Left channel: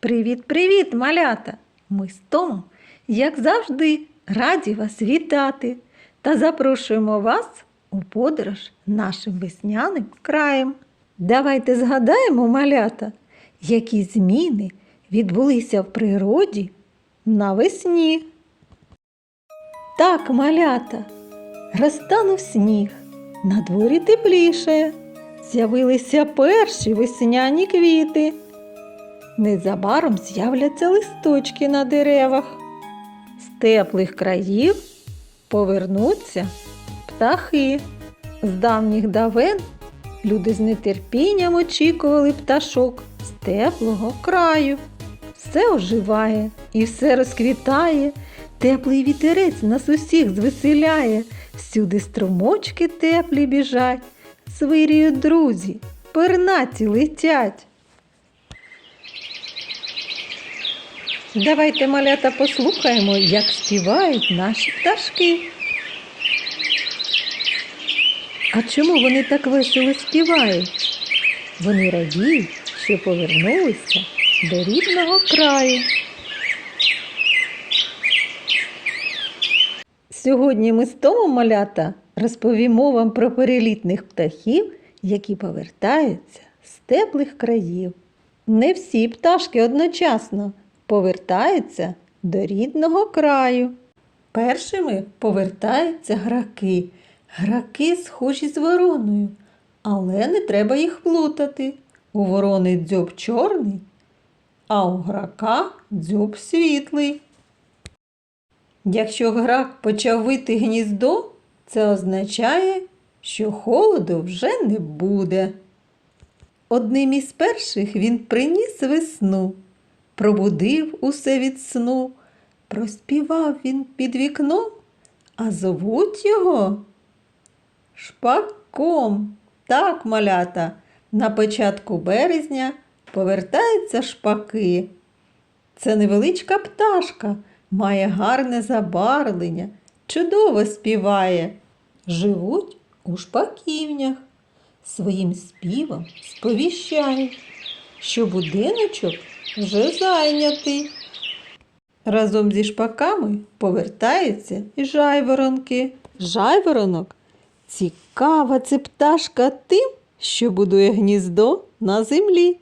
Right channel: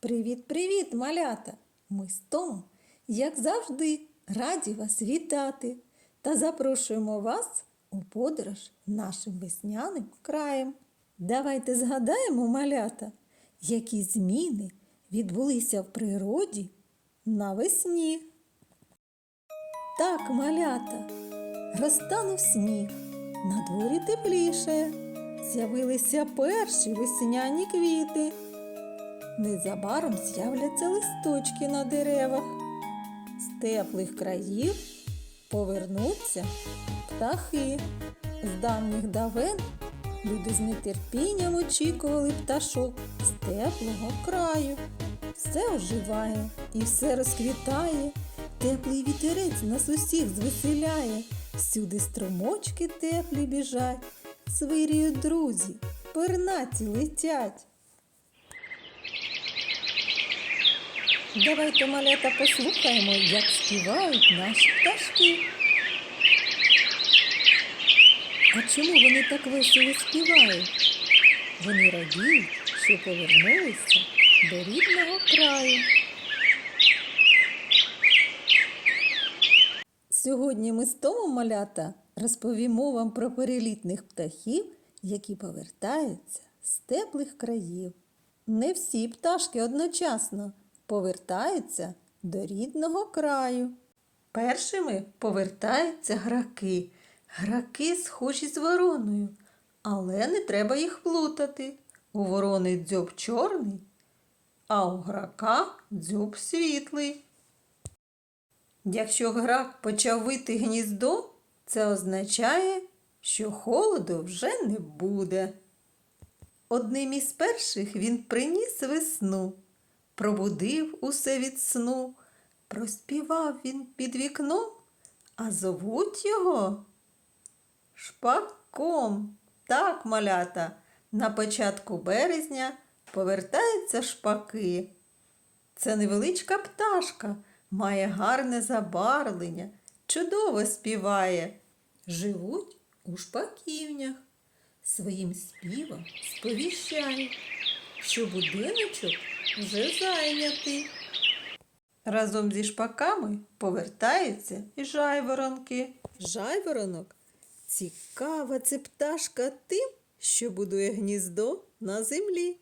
Привіт-привіт, малята! Ми з Томом, як завжди, раді вас вітати та запрошуємо вас у подорож нашим весняним краєм. Давайте згадаємо, малята, які зміни відбулися в природі навесні. Так, малята, розтанув сніг, на дворі тепліше, з'явилися перші весняні квіти. Незабаром з'являться листочки на деревах. З теплих країв повернуться птахи. З давніх давен люди з нетерпінням очікували пташок з теплого краю. Все оживає і все розквітає. Теплий вітерець нас усіх звеселяє. Всюди струмочки теплі біжать, свиріють друзі, пернаті летять. Давайте, малята, послухаємо, як співають наші пташки. А чому вони так весело співають? Вони радіють, що повернулися до рідного краю. Сьогодні ми з Томом малята розповімо вам про перелітних птахів, які повертаються з теплих країв. Не всі пташки одночасно повертаються до рідного краю. Першими повертаються граки. Граки схожі з вороною, але не треба їх плутати. У ворони дзьоб чорний, а у грака дзьоб світлий. Якщо грак почав вити гніздо, це означає, що холоду вже не буде. Одним із перших він приніс весну, пробудив усе від сну, проспівав він під вікном, а зовуть його шпаком. Так, малята, на початку березня повертаються шпаки. Це невеличка пташка, має гарне забарвлення, чудово співає. Живуть у шпаківнях. Своїм співом сповіщають, що будиночок вже зайнятий. Разом зі шпаками повертаються і жайворонки. Жайворонок цікава це пташка тим, що будує гніздо на землі.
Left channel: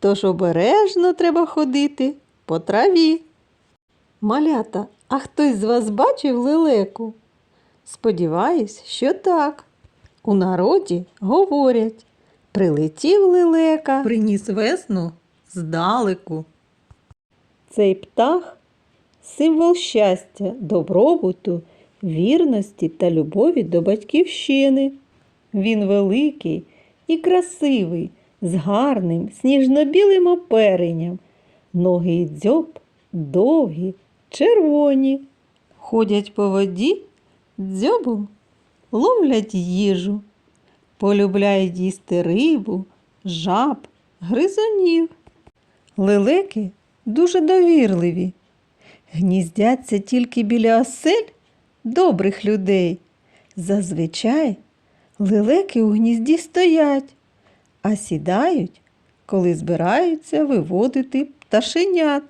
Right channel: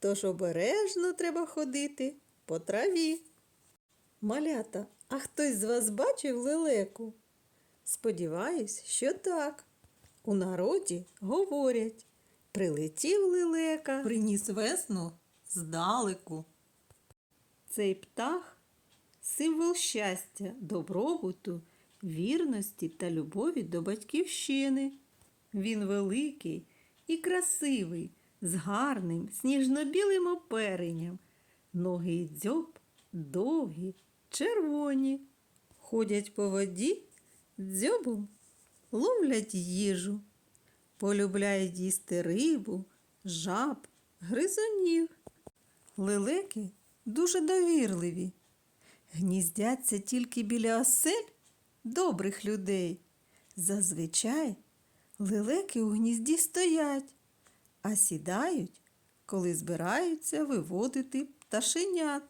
Тож обережно треба ходити по траві. Малята, а хтось з вас бачив лелеку? Сподіваюсь, що так. У народі говорять, прилетів лелека, приніс весну здалеку. Цей птах символ щастя, добробуту, вірності та любові до батьківщини. Він великий і красивий, з гарним сніжно-білим оперенням. Ноги і дзьоб довгі, червоні. Ходять по воді, дзьобом ловлять їжу, полюбляють їсти рибу, жаб, гризунів. Лелеки дуже довірливі, гніздяться тільки біля осель добрих людей. Зазвичай лелеки у гнізді стоять, а сідають, коли збираються виводити пташенят.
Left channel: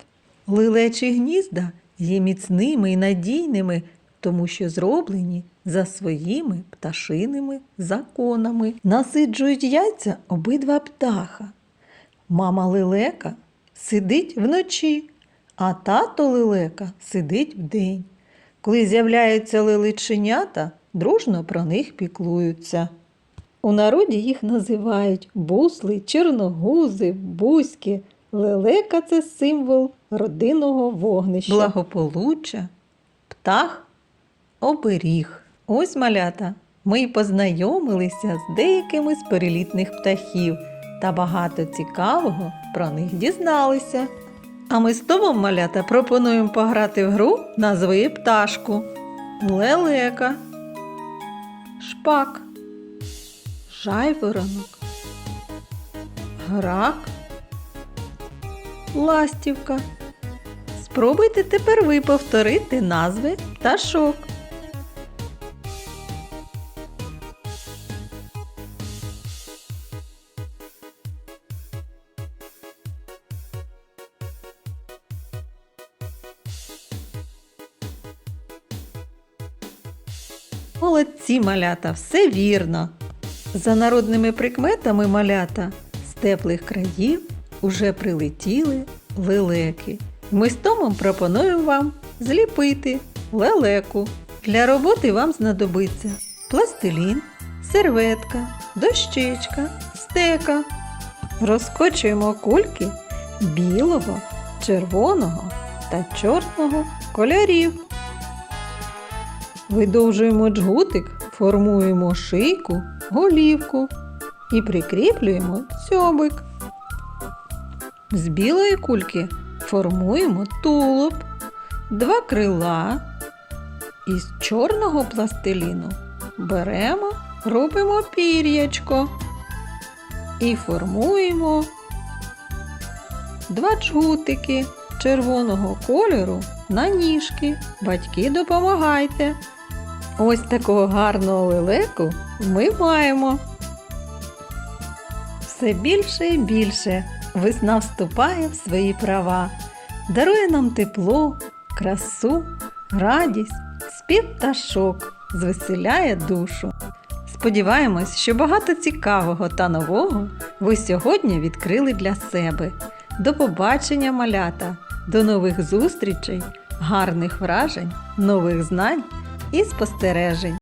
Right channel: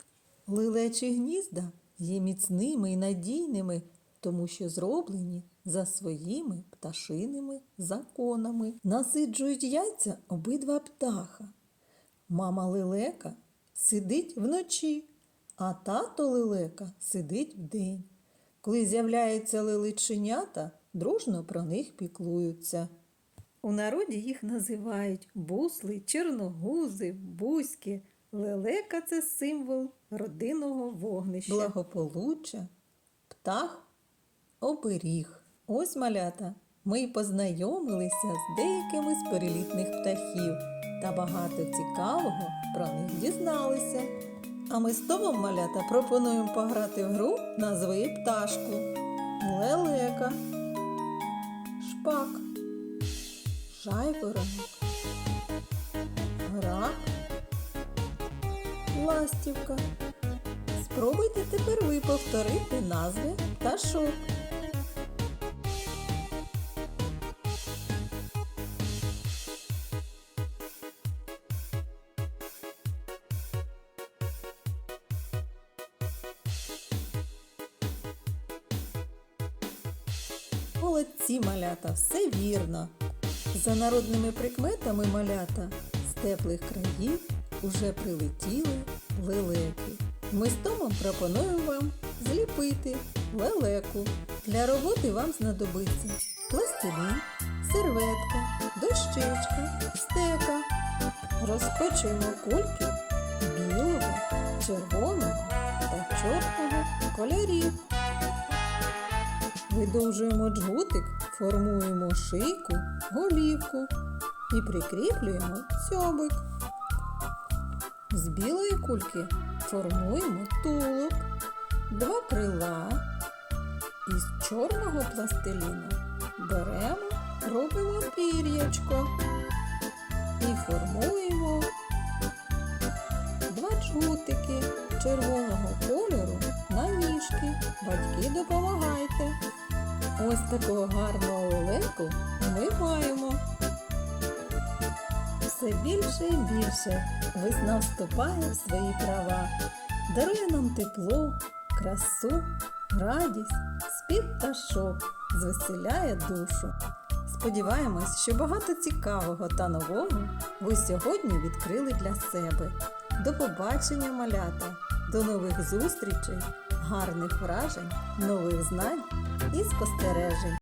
Лелечі гнізда є міцними і надійними, тому що зроблені за своїми пташиними законами. Насиджують яйця обидва птаха. Мама лелека сидить вночі, а тато лелека сидить вдень. Коли з'являються лелеченята, дружно про них піклуються. У народі їх називають бусли, чорногузи, бузьки. Лелека це символ родинного вогнища. Благополуччя, птах, оберіг. Ось малята. Ми й познайомилися з деякими з перелітних птахів та багато цікавого про них дізналися. А ми з Томом малята пропонуємо пограти в гру назви пташку. Лелека, шпак, жайворонок, грак, ластівка. Спробуйте тепер ви повторити назви пташок. Молодці малята, все вірно. За народними прикметами малята з теплих країв уже прилетіли лелеки. Ми з Томом пропонуємо вам зліпити лелеку. Для роботи вам знадобиться пластилін, серветка, дощечка, стека. Розкочуємо кульки білого, червоного та чорного кольорів. Видовжуємо джгутик, формуємо шийку, голівку і прикріплюємо цьобик. З білої кульки формуємо тулуб, два крила. Із чорного пластиліну беремо, робимо пір'ячко і формуємо два джгутики червоного кольору на ніжки. Батьки допомагайте. Ось такого гарного лелеку ми маємо. Все більше і більше весна вступає в свої права, дарує нам тепло, красу, радість, спів пташок, звеселяє душу. Сподіваємось, що багато цікавого та нового ви сьогодні відкрили для себе. До побачення, малята, до нових зустрічей, гарних вражень, нових знань і спостережень.